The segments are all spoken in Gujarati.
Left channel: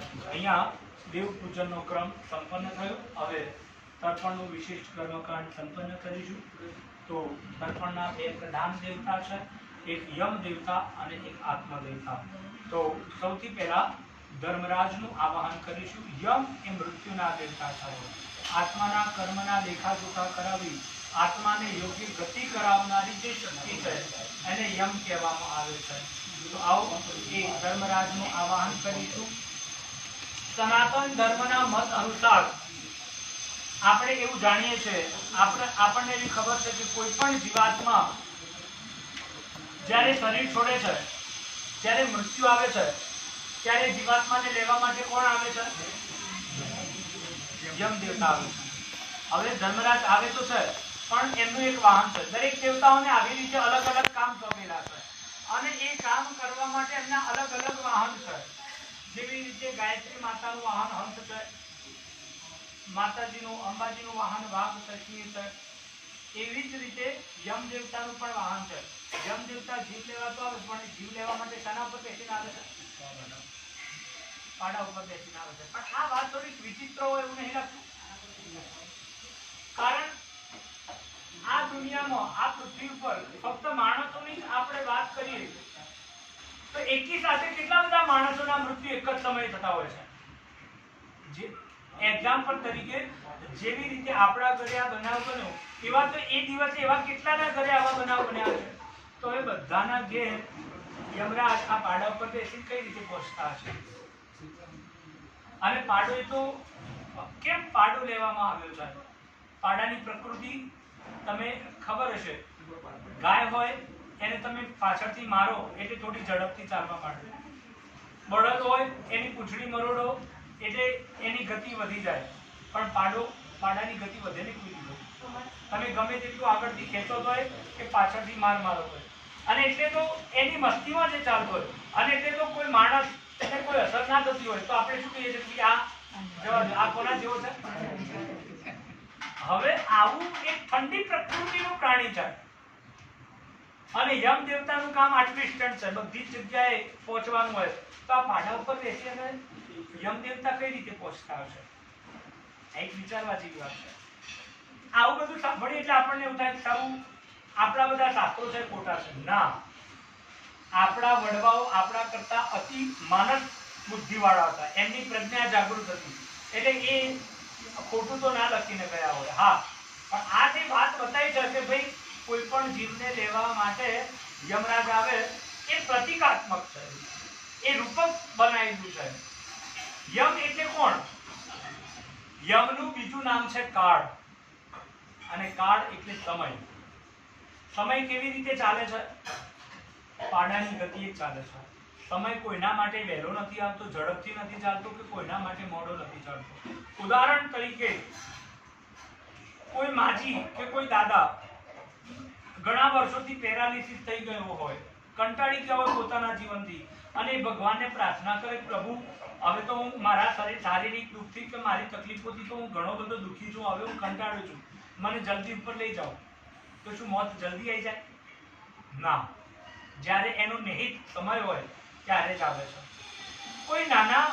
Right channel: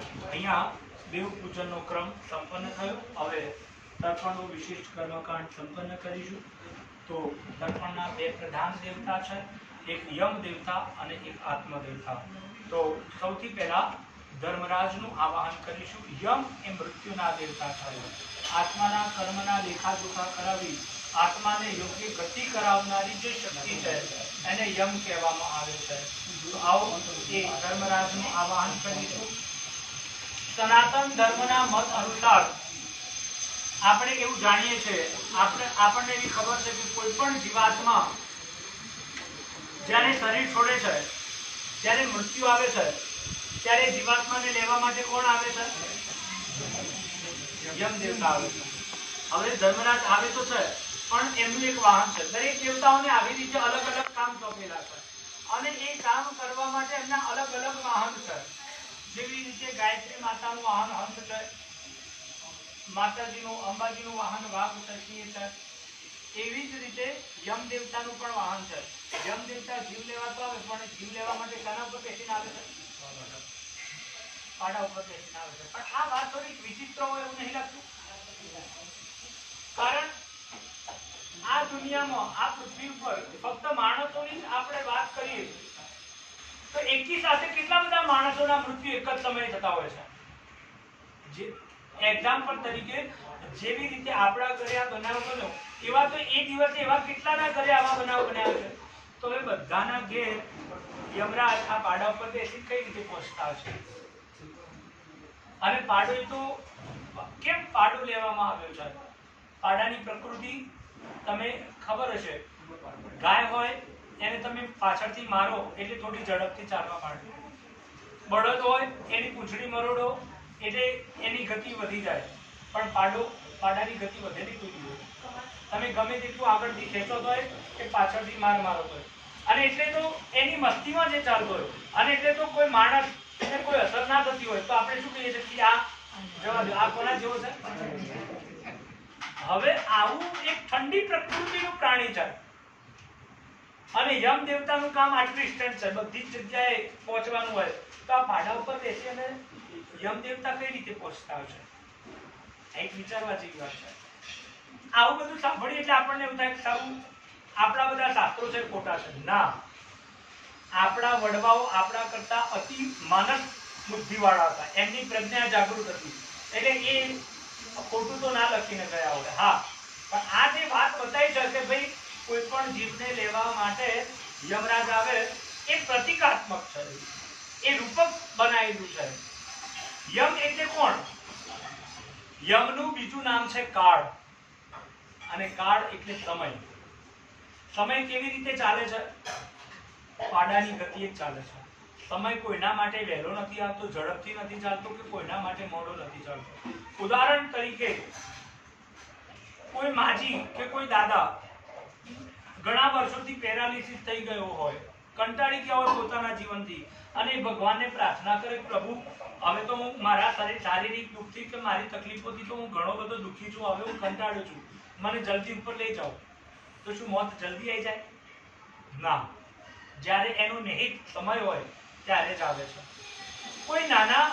અહીંયા દેવ પૂજનનો ક્રમ સંપન્ન થયો। હવે તર્પણનું વિશિષ્ટ કર્મકાંડ સંપન્ન કરીશું। તો તર્પણના બે પ્રધાન દેવતા છે, એક યમ દેવતા અને એક આત્મ દેવતા। તો સૌથી પહેલા ધર્મરાજનું આવાહન કરીશું। યમ એ મૃત્યુના દેવતા છે। આત્માના કર્મના લેખાજોખા કરાવી આત્માને યોગ્ય ગતિ કરાવનારી જે શક્તિ છે એને યમ કહેવામાં આવે છે। તો આવો એ ધર્મરાજનું આવાહન કરીશું। સનાતન ધર્મના મત અનુસાર આપણે એવું જાણીએ છીએ, આપણને એવી ખબર છે કે કોઈ પણ જીવાત્મા જ્યારે શરીર છોડે છે, જ્યારે મૃત્યુ આવે છે, ત્યારે જીવાત્માને લેવા માટે કોણ આવે છે? યમ દેવતા આવે છે। હવે ધર્મરાજ આવે તો છે, પણ એમનું એક વાહન છે। દરેક દેવતાઓને આવી રીતે અલગ અલગ કામ સોંપેલા છે અને એ કામ કરવા માટે એમના અલગ અલગ વાહન છે। જેવી રીતે ગાયત્રી માતાનું વાહન હંસ છે, માતાજીનું અંબાજીનું વાહન વાઘ છે, સિંહ છે। એવી જ રીતે યમ દેવતાનું પણ વાહન છે। યમ દેવતા જીવ લેવા તો આવે, પણ જીવ લેવા માટે શાના ઉપર બેસીને આવે છે? પાડા ઉપર બેસીને આવે છે। પણ આ વાત થોડીક વિચિત્ર હોય એવું નહીં લાગતું? કારણ આ દુનિયામાં, આ પૃથ્વી ઉપર ફક્ત માણસોની આપણે વાત કરીએ તો એકી સાથે કેટલા બધા માણસોના મૃત્યુ એક જ સમયે થતા હોય છે। જે એક્ઝામ્પલ તરીકે જેવી રીતે આપણા ઘરે આ બનાવ બન્યો, એવા તો એ દિવસે એવા કેટલાના ઘરે આવા બનાવ બન્યા છે। તો એ બધાના ઘેર યમરાજ આ પાડા ઉપર બેસી કઈ રીતે પહોંચતા હશે? અને પાડો એ તો કેમ પાડો લેવામાં આવ્યો છે? પાડાની પ્રકૃતિ તમે ખબર હશે, ગાય હોય એને તમે પાછળથી મારો એટલે થોડી ઝડપથી ચાલવા માંડે, બળદ હોય એની પૂંછડી મરોડો એટલે એની ગતિ વધી જાય, પણ પાડાની ગતિ વધે નહીં કોઈ દિવસ। તમે ગમે તેટલું આગળથી ખેંચો તોય કે પાછળથી મારો હોય, અને એટલે તો એની મસ્તીમાં જે ચાલતો હોય, અને એટલે તો કોઈ માણસ એને કોઈ અસર ના થતી હોય તો આપણે શું કહીએ છીએ કે આ જવા દો, આ કોના જેવો છે? હવે આવું એક ઠંડી પ્રકૃતિનું પ્રાણી છે અને યમ દેવતાનું કામ આટલું ડિસ્ટન્સ છે, બધી જ જગ્યાએ પહોંચવાનું હોય, તો આ પાડા ઉપર બેસી અને યમ દેવતા કઈ રીતે પહોંચતા હશે? એક વિચારવા જેવી વાત છે। આવું બધું સાંભળીએ એટલે આપણને એવું થાય કે સારું આપણા બધા શાસ્ત્રો છે ખોટા છે। ના, આપણા વડવાઓ આપણા કરતા અતિ માનસ બુદ્ધિવાળા હતા, એમની પ્રજ્ઞા જાગૃત હતી, એટલે એ ખોટું તો ના લખીને ગયા હોય। હા, પણ આ જે વાત બતાવી છે કે ભાઈ કોઈ પણ જીવને લેવા માટે યમરાજ આવે એ પ્રતિકાત્મક છે, એ રૂપક બનાવેલું છે। યમ એટલે કોણ? યમનું બીજું નામ છે કાળ, અને કાળ એટલે સમય। સમય કેવી રીતે ચાલે છે? પાડાની ગતિએ ચાલે છે। સમય કોઈના માટે વહેલો નથી આવતો, ઝડપથી નથી ચાલતો, કે કોઈના માટે મોડો નથી ચાલતો। ઉદાહરણ તરીકે કોઈ માજી કે કોઈ દાદા ઘણા વર્ષોથી પેરાલિસિસ થઈ ગયો હોય, કંટાળી ગયા હોય પોતાના જીવનથી, અને ભગવાનને પ્રાર્થના કરે, પ્રભુ હવે તો હું મારા શારીરિક દુઃખથી કે મારી તકલીફોથી તો હું ઘણો બધો દુઃખી છું, હવે હું કંટાળ્યો છું, મને જલ્દી ઉપર લઈ જાઓ। તો શું મોત જલ્દી આવી જાય? ના, જ્યારે એનો નિહિત સમય હોય ત્યારે જ આવે છે। કોઈ નાના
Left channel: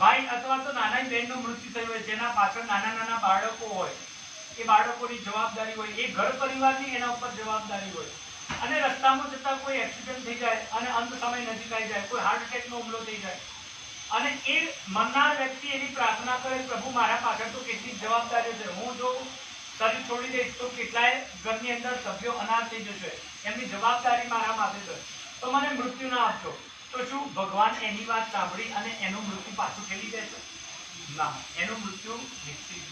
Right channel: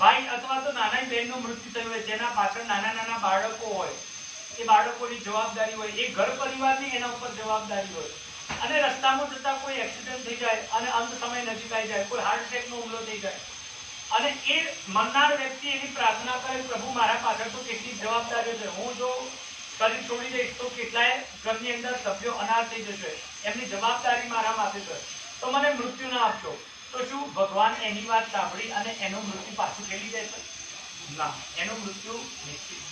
ભાઈ અથવા તો નાની બહેનનું મૃત્યુ થયું હોય, જેના પાછળ નાના નાના બાળકો હોય, એ બાળકોની જવાબદારી હોય, એ ઘર પરિવારની એના ઉપર જવાબદારી હોય, અને રસ્તામાં જતા કોઈ એક્સિડન્ટ થઈ જાય અને અંત સમય નજીક આવી જાય, કોઈ હાર્ટ એટેકનો હુમલો થઈ જાય, અને એ મરનાર વ્યક્તિ એની પ્રાર્થના કરે, પ્રભુ મારા પાછળ તો કેટલી જવાબદારીઓ છે, હું જો શરીર છોડી દઈશ તો કેટલાય ઘરની અંદર સભ્યો અનાથ થઈ જશે, એમની જવાબદારી મારા માથે છે, તો મને મૃત્યુ ના આપજો। તો શું ભગવાન એની વાત સાંભળી અને એનું મૃત્યુ પાછું ઠેલી દેશે? ના, એનું મૃત્યુ નિશ્ચિત।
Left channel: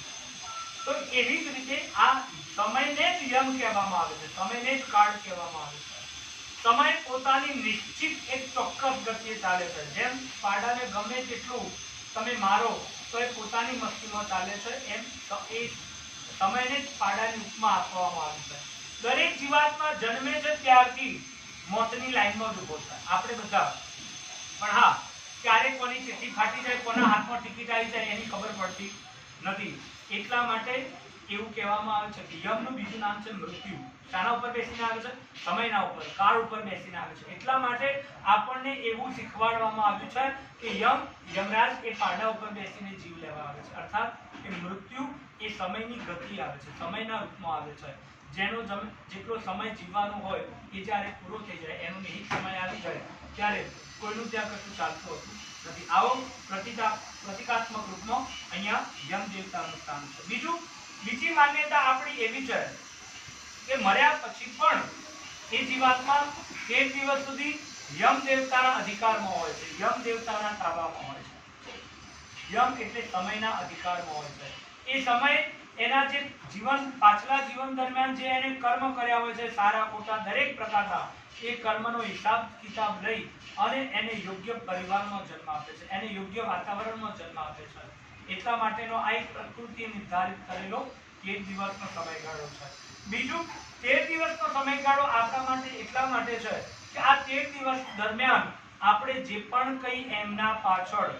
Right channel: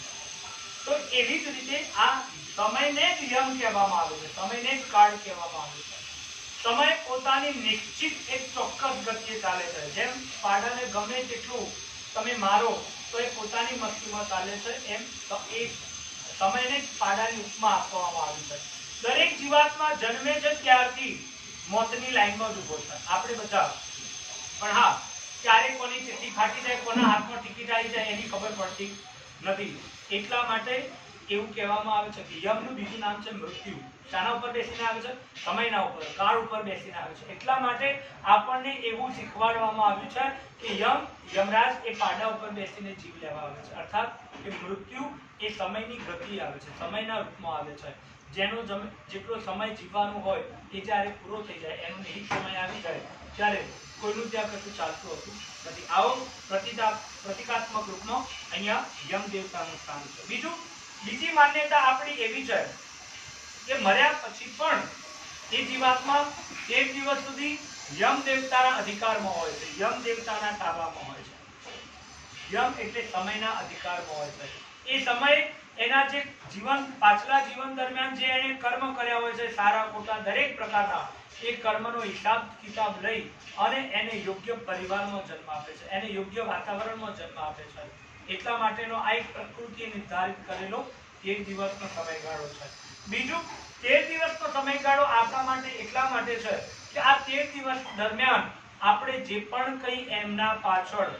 તો એવી જ રીતે આ સમયને જ યમ કહેવામાં આવે છે, સમયને જ કાળ કહેવામાં આવે છે। સમય પોતાની નિશ્ચિત એક ચોક્કસ ગતિએ ચાલે છે। જેમ પાડાને ગમે તેટલું તમે મારો તો એ પોતાની મસ્તીમાં ચાલે છે, એમ એ સમયને જ પાડાની ઉપમા આપવામાં આવી છે। દરેક જીવાત્મા જન્મે છે ત્યારથી મોતની લાઈનમાં જ ઉભો છે, આપણે બધા। પણ હા, ક્યારે કોની ચિઠ્ઠી ફાટી જાય, કોના હાથમાં ટિકિટ આવી જાય એની ખબર પડતી નથી। એટલા માટે એવું કહેવામાં આવે છે કે યમનું બીજું નામ છે મૃત્યુ. શાના ઉપર બેસીને આવે છે? સમયના ઉપર, કાળ ઉપર બેસીને આવે છે. એટલા માટે આપણને એવું શીખવાડવામાં આવ્યું છે કે યમરાજ એ પાડા ઉપર બેસીને જીવ લેવા આવે છે. અર્થાત કે મૃત્યુ એ સમયની ગતિ આવે છે, સમયના રૂપમાં આવે છે. જેનો જેટલો સમય જીવવાનો હોય એ જ્યારે પૂરો થઈ જાય, એનો નિહિત સમય આવી જાય, ત્યારે કોઈનું ત્યાં કશું ચાલતું હતું નથી. આવો પ્રતિકાત્મક રૂપનો અહીંયા યમ દેવતાનું સ્થાન છે. બીજી માન્યતા આપણી એવી છે કે મર્યા પછી પણ એ જીવાત્મા 13 દિવસ સુધી યમ દેવતાના અધિકારમાં હોય છે, યમ દેવતાના તાબામાં હોય છે. યમ એટલે સમયના અધિકારમાં હોય છે. એ સમય એના જે પાછલા જીવન દરમિયાન જે એને કર્મ કર્યા હોય છે, સારા ખોટા દરેક પ્રકારના, એ કર્મનો હિસાબ કિતાબ લઈ અને એને યોગ્ય પરિવારમાં જન્મ આપે છે, એને યોગ્ય વાતાવરણમાં જન્મ આપે છે. એટલા માટેનો આ એક પ્રકૃતિએ નિર્ધારિત કરેલો 13 દિવસનો સમયગાળો છે. બીજું, 13 દિવસનો સમયગાળો આપણા માટે એટલા માટે છે કે આ 13 દિવસ દરમિયાન આપણે જે પણ કંઈ એમના પાછળ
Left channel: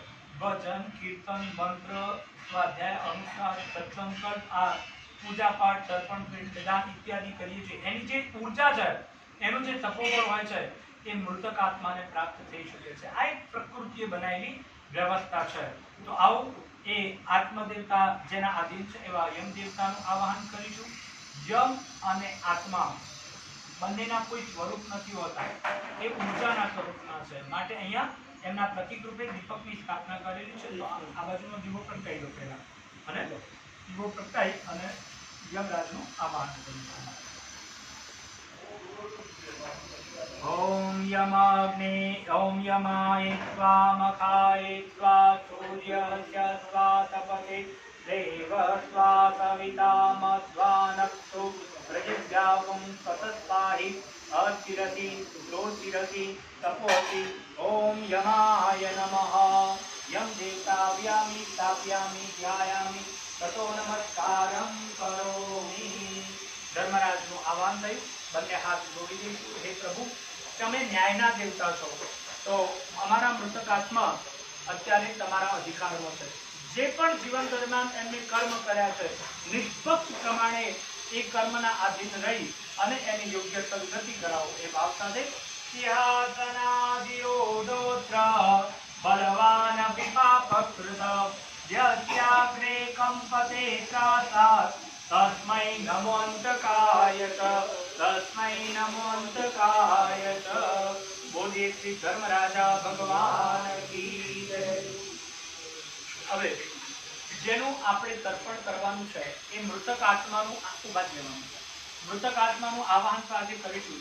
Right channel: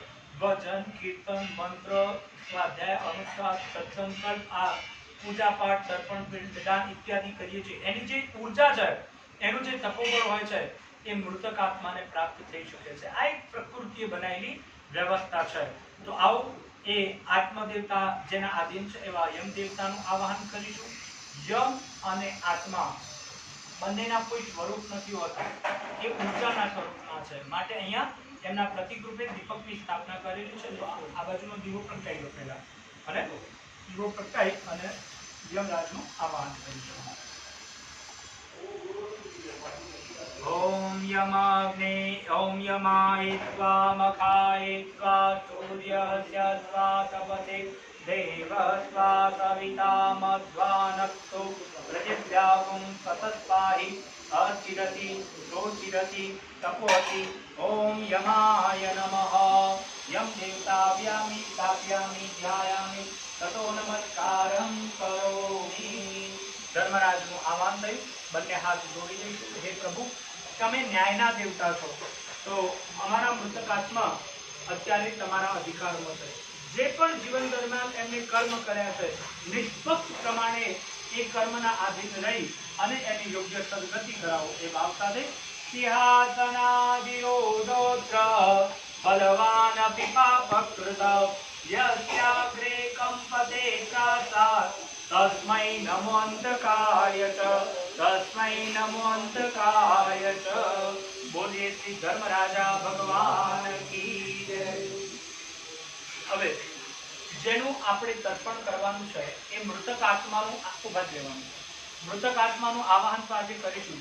ભજન, કીર્તન, મંત્ર, સ્વાધ્યાય, અનુષ્ઠાન, સત્સંગ, આ પૂજા પાઠ, તર્પણ, પિંડદાન ઇત્યાદિ કરીએ છીએ, એની જે ઉર્જા છે, એનું જે તપોબળ હોય છે, એ મૃતક આત્માને પ્રાપ્ત થઈ શકે છે. આ એક પ્રકૃતિએ બનાવેલી વ્યવસ્થા છે. તો આવો એ આત્મદેવતા જેના આધીન છે એવા યમ દેવતાનું આવાહન કરીશું. યમ અને આત્મા બંનેના કોઈ સ્વરૂપ નથી હોતા, એ ઉર્જાના સ્વરૂપના છે. માટે અહીંયા એમના પ્રતિક રૂપે દીપકની સ્થાપના કરેલી છે. તો આ બાજુનો દીવો પ્રગટાઈ લો પહેલા, અને દીવો પ્રગટાઈ અને યમરાજનું આવાહન કરીશું. ओम यमाग्ने ओम यमाय त्वा मखाय त्वा सूर्यस्य त्वा तपते देव त्वा सविता मध्वानक्तो पृथिव्यागुं सतस्पाहि अर्चिरति रोचिरति तपोति. ओम यमाय नमः. यम देवताभ्यामि स्थापयामि ध्यायामि ततो नमस्कारं करोमि. ધર્મરાજનું આહવાન થયું, બંને હાથ જોડી દઈશું. હે પ્રભુ, તમે ન્યાયના દેવતા છો, તો અમારા મૃતક આત્મા અત્યારે તમારા અધિકારમાં છે. જે પણ જીવન દરમિયાન એમને કર્મ કર્યા છે, નિષ્પક્ષ પ્રમાણે એ કર્મના આધીન રહી અને એની યોગ્ય સદગતિ કરાવો એ ભાવ સાથે સિંહાસનાદિરોધોત્ર બલવાન વિપાપકૃત યસ્યાગ્રે કંપતે ત્રાસાત તસ્મૈ નમો અંતકાય ચ તસ્મૈ નમો અંતકાય ચ. બોલીએ શ્રી ધર્મરાજા ભગવાન કી જય. હવે જેનું આપણે તર્પણ કરવાનું છે એ મૃતક આત્માનું આખું ભાગ લેવાનું છે. મૃતક આત્માનું આવાહન તો આજે કરીશું,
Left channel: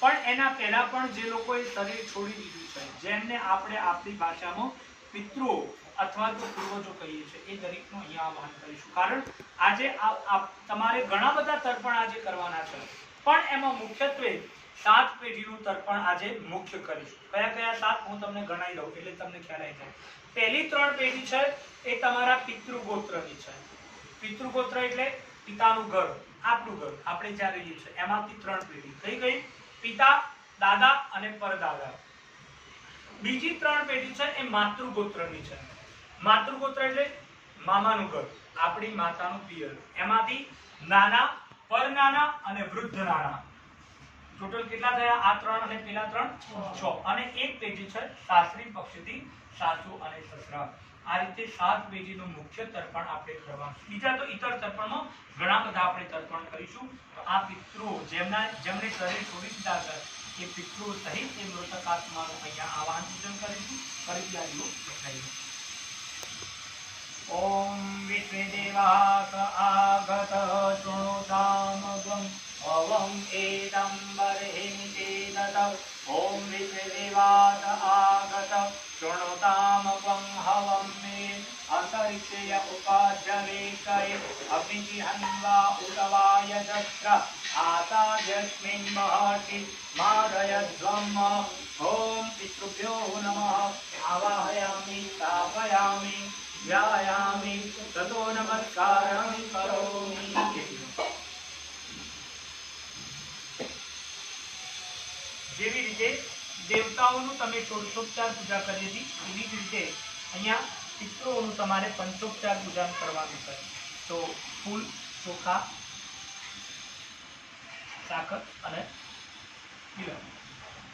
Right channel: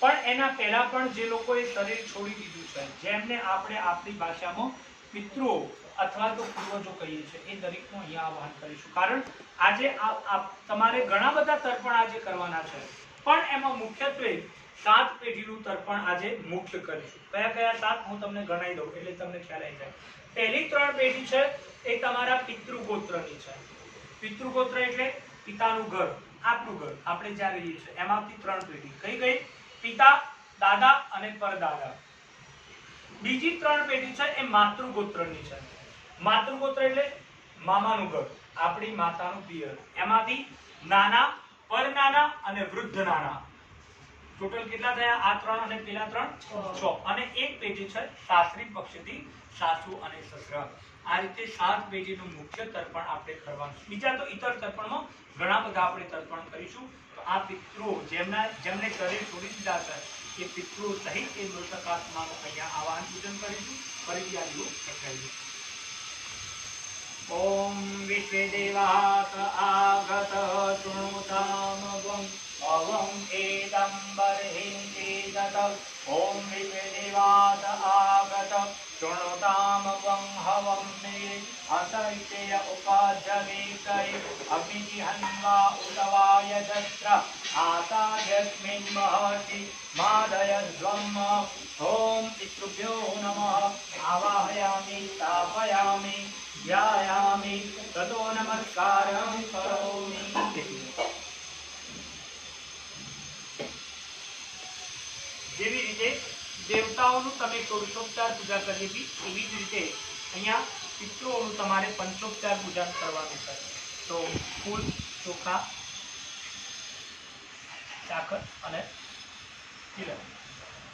પણ એના પહેલા પણ જે લોકોએ શરીર છોડી દીધું છે, જેમને આપણે આપણી ભાષામાં પિતૃઓ અથવા તો પૂર્વજો કહીએ છીએ, એ દરેકનું અહીંયા આવાહન કરીશું. કારણ આજે તમારે ઘણા બધા તર્પણ આજે કરવાના છે, પણ એમાં મુખ્યત્વે 7 પેઢીનું તર્પણ આજે મુખ્ય કરીશું. કયા કયા 7 હું તમને ગણાવી દઉં એટલે તમને ખ્યાલ આવી જાય. પહેલી 3 પેઢી છે એ તમારા પિતૃગોત્રની છે. પિતૃગોત્ર એટલે પિતાનું ઘર, આપણું ઘર, આપણે જ્યાં રહીએ છીએ, એમાંથી 3 પેઢી. કઈ કઈ? પિતા, દાદા અને પરદાદા. બીજી 3 પેઢી છે એ માતૃગોત્રની છે. માતૃગોત્ર એટલે મામાનું ઘર, આપણી માતાનું પિયર. એમાંથી નાના, પરનાના અને વૃદ્ધ નાના. ટોટલ કેટલા થયા? આ 3 અને પેલા 3 6. અને એક પેઢી છે સાસરી પક્ષથી સાસુ અને સસરા. આ રીતે 7 પેઢીનું મુખ્ય તર્પણ આપણે કરવાનું. બીજા તો ઇતર તર્પણમાં ઘણા બધા આપણે તર્પણ કરીશું. તો આ પિતૃઓ જેમને શરીર છોડી દીધા છે એ પિતૃઓ સહિત એ મૃતક આત્માનું અહીંયા આવાહન પૂજન કરીશું. ફરીથી આ દીવો પ્રગટાવીશું. ओम विश्वदेवास आगत सुनुतामगं अवं एदं बर्हिं चेदत. ओम विश्वदेवास आगत सुनुतामगं हवं मे अंतरिक्षय उपाजवे करे अभिजिहन्वा उतवाय जस्र आतायस्मिन् महर्षि मादयध्वम्. ओम पितृभ्यो नमः. आवाहयामि स्थापयामि ध्यायामि ततो नमस्कारं करोमि. જેવી રીતે દેવતાઓનું તમે ષોડશોપચાર પૂજા કરી હતી, એવી જ રીતે અહીંયા પિતૃઓનું તમારે પંચોપચાર પૂજન કરવાનું છે. તો ફૂલ, ચોખા, સાકર અને તિલક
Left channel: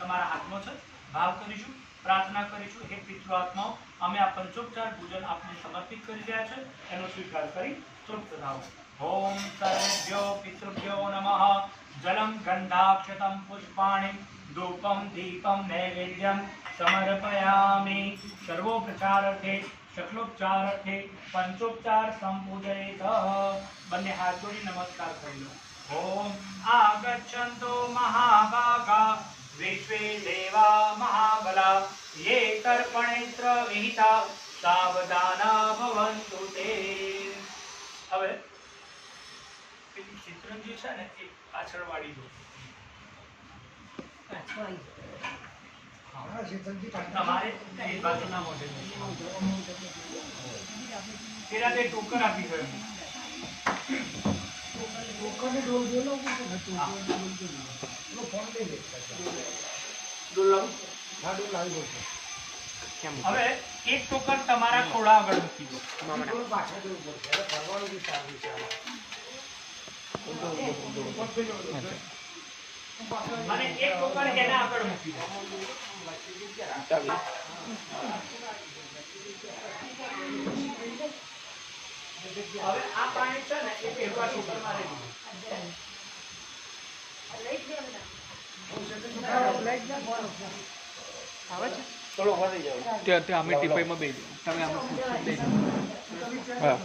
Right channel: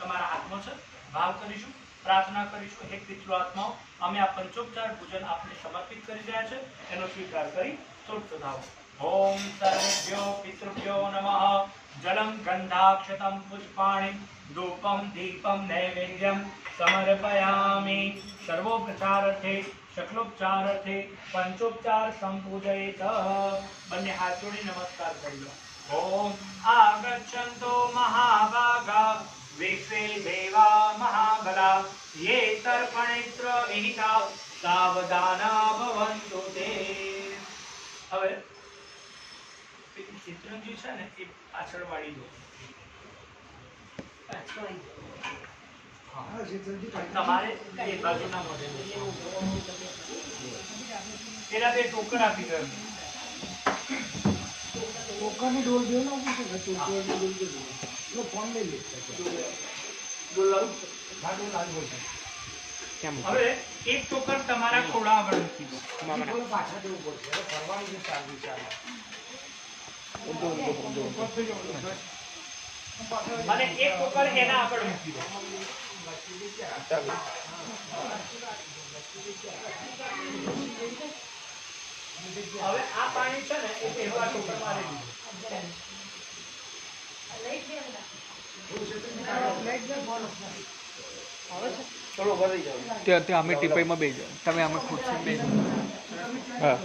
તમારા હાથમાં છે. ભાવ કરીશું, પ્રાર્થના કરીશું. હે પિતૃ આત્માઓ, અમે આ પંચોપચાર પૂજન આપને સમર્પિત કરી રહ્યા છે, એનો સ્વીકાર કરી તૃપ્ત થાઓ. ઓમ સર્વેભ્યો પિતૃભ્યો નમઃ. જલમ ગંધાક્ષતમ પુષ્પાણિ ધૂપમ દીપમ નૈવેદ્યમ સમર્પયામિ. સર્વોપચારાર્થે શકલોપચારાર્થે પંચોપચાર સંપૂજયિત. બંને હાથ જોડી નમસ્કાર કરી લો. ઓમ આગચ્છન્તો મહાભાગા વિશ્વે દેવા મહાબલા ये તર્પણેત્ર વિહિતા સાવધાના ભવન્તુ તે. હવે પેલી ચિત્રંજી છે ને એ પાછળ વાળી દો. તમારે એ બાજુના મોઢે પેલા બે ટોકન આપી દો. ટોકનની ડોલ દે લો કે લો ફોન લઈ લે ડોલ લાવ. હા ડોલ આવી ગયો. હવે એક ટોકન તમારા ખોડા આગળ મૂકી દો. મામા પાછા દેવું પડશે. એટલે ફરવાનું બી સારું વિચાર. અને એક ટોકન એના આગળ મૂકી દો. હવે આ પાણી છે ને એ પેલા ટોકનમાં લઈ લીધું. ચલો ભરી જાઓ. તે અમે ટીપાઈમાં બેસી જાઓ. તમે અમે ખુરશી બેસી જાઓ. હા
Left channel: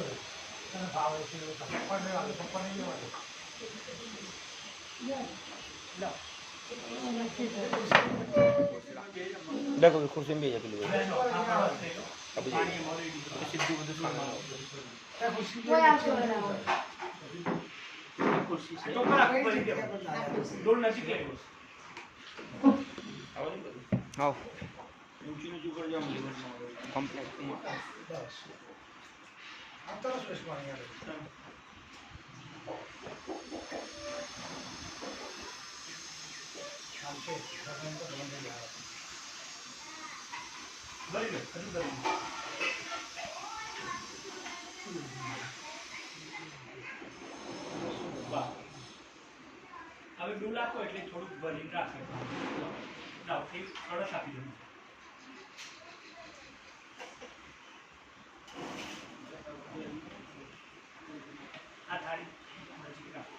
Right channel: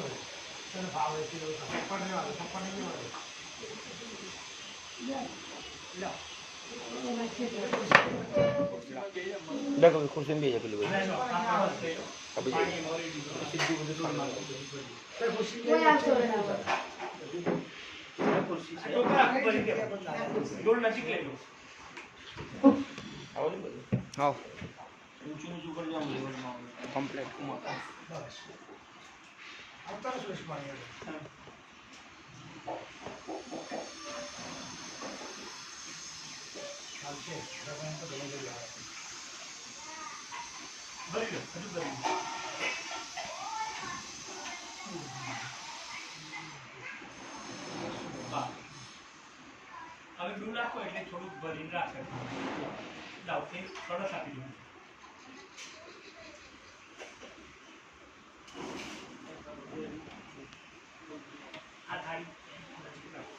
देखो खुर्सी में भेजा पेલું હવે જો આ કળશ લઈ લો. અભી પાણી મોરી દીધું. સીધું બધું ખાવાનું ટોકન આખું ભરી દો. ડોલ નજીક લઈ લો. આવો ઊંચું ઊંચું કરી જાઉં કમ્પ્લેટ ભરી લો. હજુ ભરી લો. વાહ. હવે ડોલ રાખો એટલે થોડુંક ભરીને રાખે. લાવ એક કળશ આપી દો. આ થાળી નજીક રાખો.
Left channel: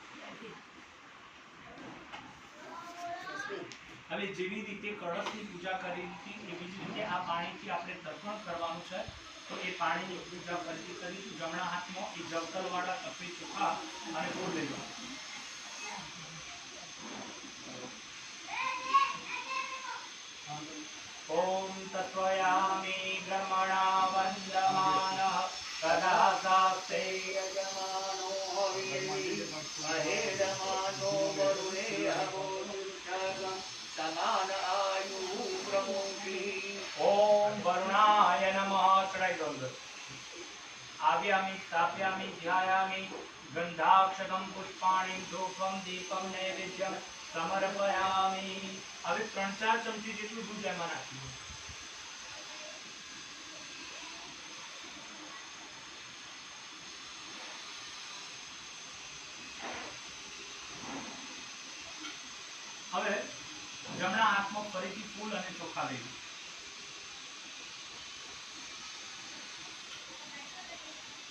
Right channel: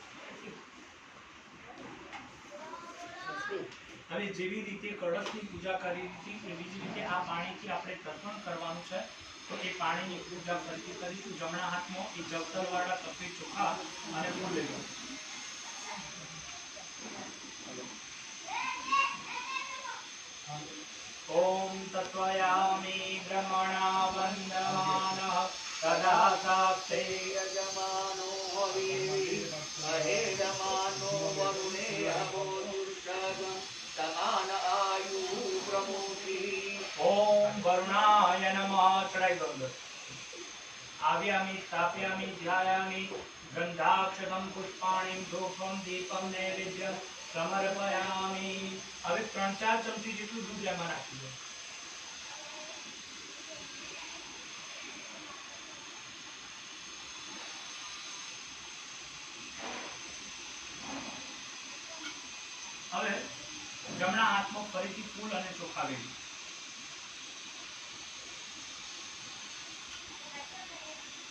હવે જેવી રીતે કળશની પૂજા કરી હતી એવી જ રીતે આ પાણીથી આપણે તર્પણ કરવાનું છે. તો એ પાણીની પૂજા ફરીથી કરીશું. જમણા હાથમાં એ જવતરવાળા સફેદ ચોખા અને ફૂલ લઈ લો. ઓમ તત્વયામિ બ્રહ્મણા વંદમાનઃ તદા સાક્ષે યજમાનો હવિર્વિ મહેરમાનો વરુણે અવો દુર્ષગં સમાન આયુ પ્રમોષી. ઓમ વરુણાય નમઃ. ચડાઈ દો અંદર. આવ્યામિ સ્થાપ્યામિ ધ્યાયામિ ગંધાક્ષતમ પુષ્પાણિ ધૂપમ દીપમ નૈવેદ્યમ સમર્પયામિ. હવે 3-4 ચમચી જેટલું દૂધ એમાં નાખી દો. હવે જમણા હાથમાં ફરીથી ફૂલ અને ચોખા લઈ લો.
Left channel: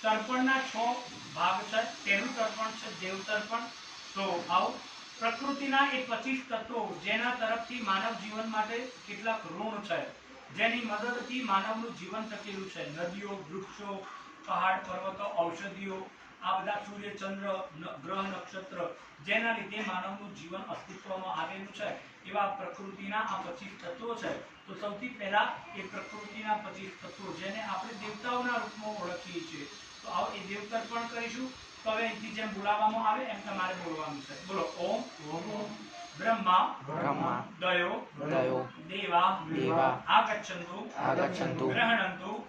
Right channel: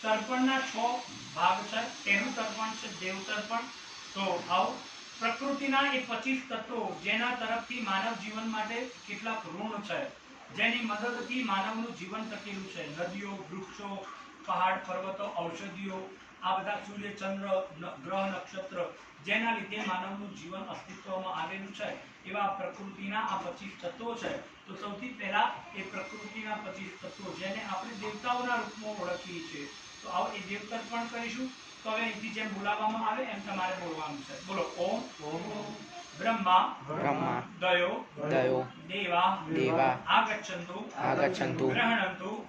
તર્પણના 6 ભાગ છે. પહેલું તર્પણ છે દેવ તર્પણ. તો આવો પ્રકૃતિના એ 25 તત્વો જેના તરફથી માનવ જીવન માટે કેટલાક ઋણ છે, જેની મદદથી માનવનું જીવન ટકેલું છે. નદીઓ, વૃક્ષો, પહાડ, પર્વતો, ઔષધિઓ, આ બધા સૂર્ય, ચંદ્ર, ગ્રહ, નક્ષત્ર, જેના લીધે માનવનું જીવન અસ્તિત્વમાં આવેલું છે, એવા પ્રકૃતિના આ 25 તત્વો છે. તો સૌથી પહેલા એ પ્રકૃતિના 25 તત્વો જેને આપણે દેવતાઓના રૂપમાં ઓળખીએ છીએ. તો આવો એ દેવ તર્પણ કરીશું. તો હવે અહીંથી જેમ બોલાવવામાં આવે એમ તમારે બોલવાનું છે. બોલો. ઓમ બ્રહ્મા બ્રહ્મા દયો દયો દેવા દેવા આગચ્છન્તુ આગચ્છન્તુ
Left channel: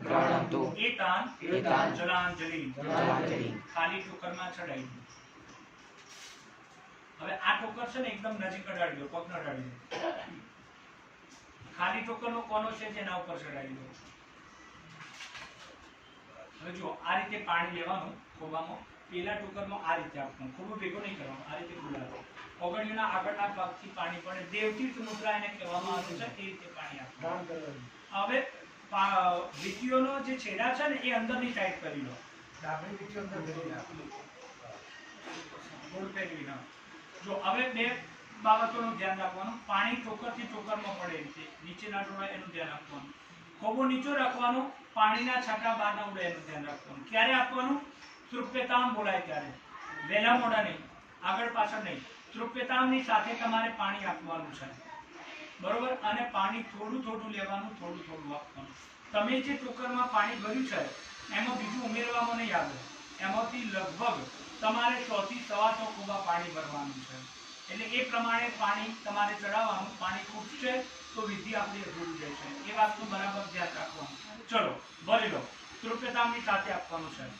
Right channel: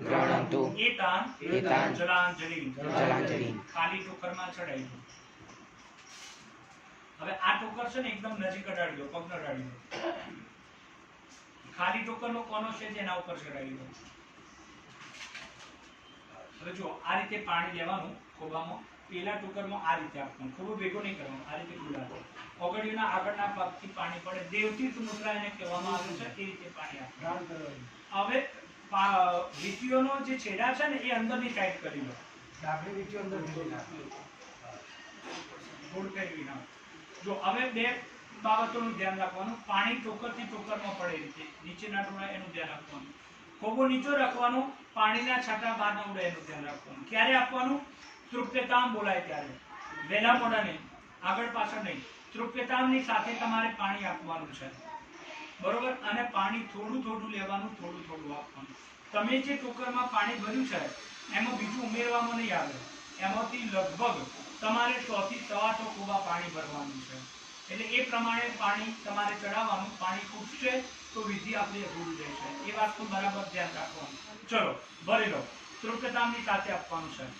ગૃહણન્તુ એતાન એતાન જલાંજલિ. જલાંજલિ. ખાલી ટોકરમાં ચડાવી દો. હવે આ ટોકર છે ને એકદમ નજીક અડાડી દો. પગ અડાડી દો. ખાલી ટોકરનો કોનો છે તેના ઉપર ચડાવી દો. હવે જો આ રીતે પાણી લેવાનું ખોબામાં એના ટોકરમાં આ રીતે આપવાનું, ખોબો ભેગો નહીં કરવાનો, આ રીતે ગુલાબ. ઓગળીઓના આગળના ભાગથી પાણી પડે, દેવતીર્થ મુદ્રા એને કહેવામાં આવે છે, એ રીતે પાણી આપવાનું. દાન કરવાનું. હવે વીંટીઓનો જે છેડા છે ને એ અંદરની સાઈડ કરી લો, ડાબી વીંટી અંદર ભેગી નાખો. ગોળ ફેરવી નાખો. જો હવે બે બાબતોનું ધ્યાન રાખવાનું, પાણી ટોકરથી ટોકરમાં પડે એ રીતે, નીચે ના ઢોળાય એનું ધ્યાન રાખવાનું. ખોબો નીચો રાખવાનો, પાણીના છાંટા બહાર ના ઉડે એનું ધ્યાન રાખવાનું. ક્યારે આપવાનું? તૃપ્યતામ બોલાય ત્યારે, વહેલા મોડા નહીં, આગળ પાછળ નહીં. તૃપ્યતામની સાથે તમારે પાણી આપવાનું છે, બરોબર? અને પાણી થોડું થોડું લેવાનું, થોડું થોડું આપવાનું. તમે જે ટોકરમાં પાણી ભર્યું છે એમાં બીજું ઉમેરવામાં નહીં આવે, એમાંથી લગભગ તમારે 100 થી 125 કુબા પાણી ભરવાનું છે. એટલે એ પ્રમાણે પાણી તમારે ચડાવવાનું. પાણી ખૂટશે તો વિધિ આપણી અધૂરી રહેશે, એ વાતનું બરાબર ધ્યાન રાખવાનું. ચલો ભરી લો, તૃપ્યતામની સાથે આપવાનું છે.